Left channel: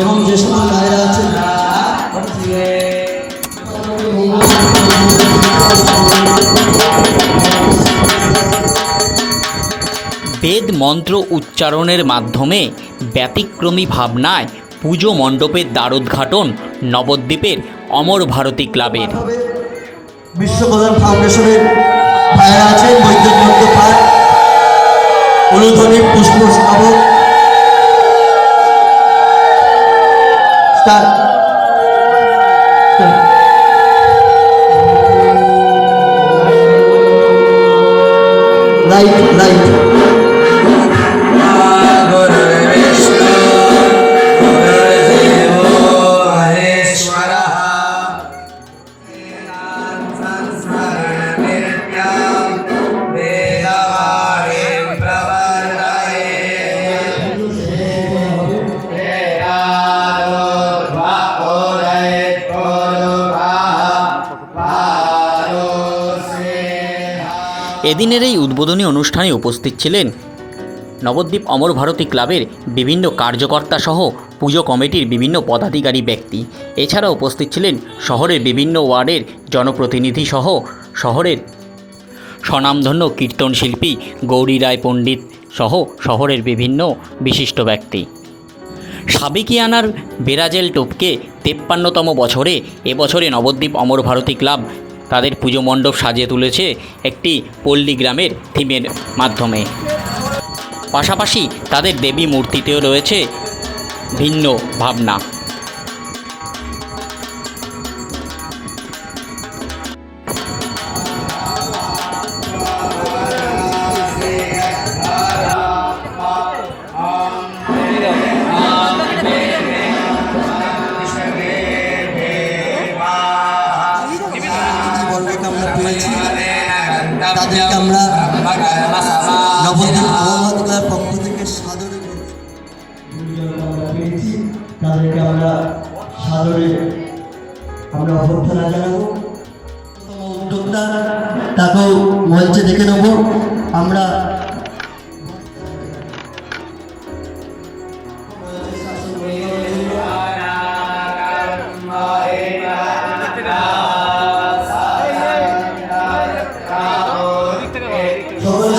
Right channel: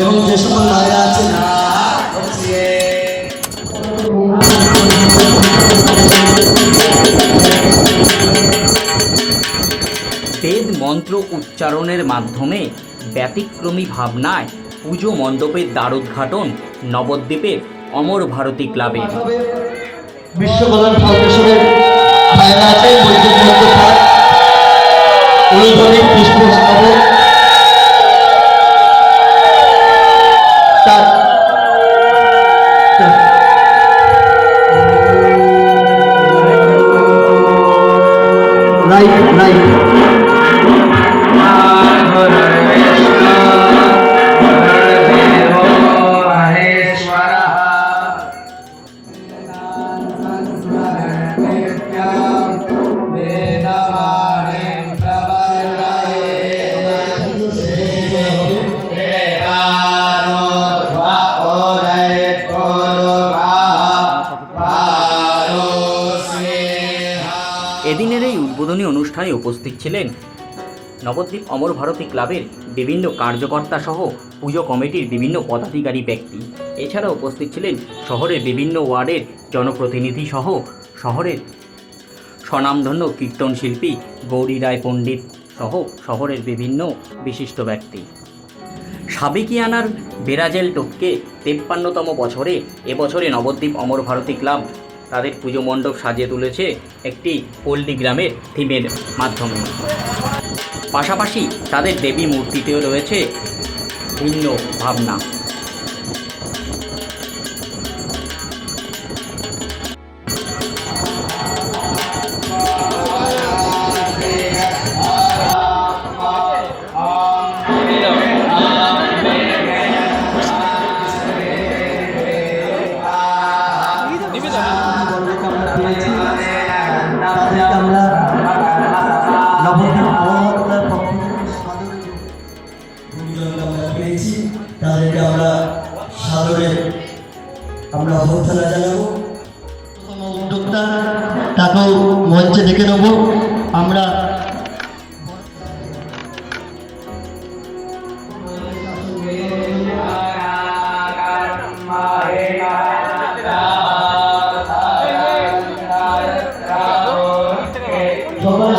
এবং যে সকল মায়েরা আছেন বেদ মন্ত্র উচ্চারণের মাধ্যমে ব্যতিক্রমী ভাবনায় পুজো মণ্ডপের দ্বারোদ্ঘাটন নবদ্বীপের অমর ভারতী ক্লাবের। বিশ্বকল্যাণ ফাউন্ডেশনের পুষ্প স্থাপক স্টার্ট রাইট রাইট। এদিনের এই উদ্বোধনী অনুষ্ঠানে উপস্থিত ছিলেন নবদ্বীপ অমর ভারতী ক্লাবের বিভিন্ন কার্যকর্তা সহ পুজো কমিটির বিভিন্ন পদাধিকারী ব্যক্তি। এছাড়া উপস্থিত ছিলেন শহরের বিভিন্ন ওয়ার্ডের জনপ্রতিনিধি সহ শহরের স্বনামধন্য কীর্তন শিল্পী গৌরী রায় পণ্ডিত সহ শহরের বিভিন্ন বিশিষ্ট ব্যক্তি। সাবেকিয়ানার বেরাজেল টোপকে তেপ্পান্নতম বছরে এবছরে নবদ্বীপ অমর ভারতী ক্লাব তাদের পুজো মণ্ডপ সাজিয়ে তুলেছে একটি পল্লী গ্রামের থিমের মাধ্যমে। পাশাপাশি তাদের দেবী মূর্তিতেও রয়েছে ভিন্ন ভাবনা। তাদেরকে আমরা নবদ্বীপ মহামাতকার পক্ষ থেকে সাদরে পেয়েছি। তাদেরকে আমরা সাদরে আমরা অভ্যর্থনা জানাব। উদ্যোক্তা তাকেও মঞ্চে ডেকে নেব। আমরা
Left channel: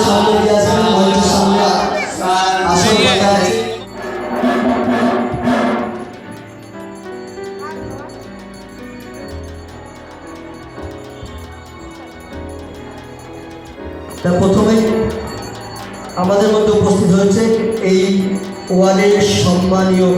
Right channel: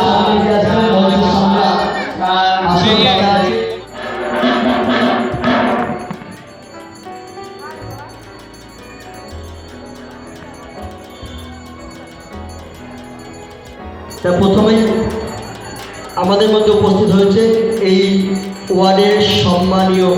সামনে আসবেন মঞ্চের সামনে আছে। প্রথমে আমাদের মধ্যে উপস্থিত হয়েছে এই ওয়ার্ডের সম্মানীয়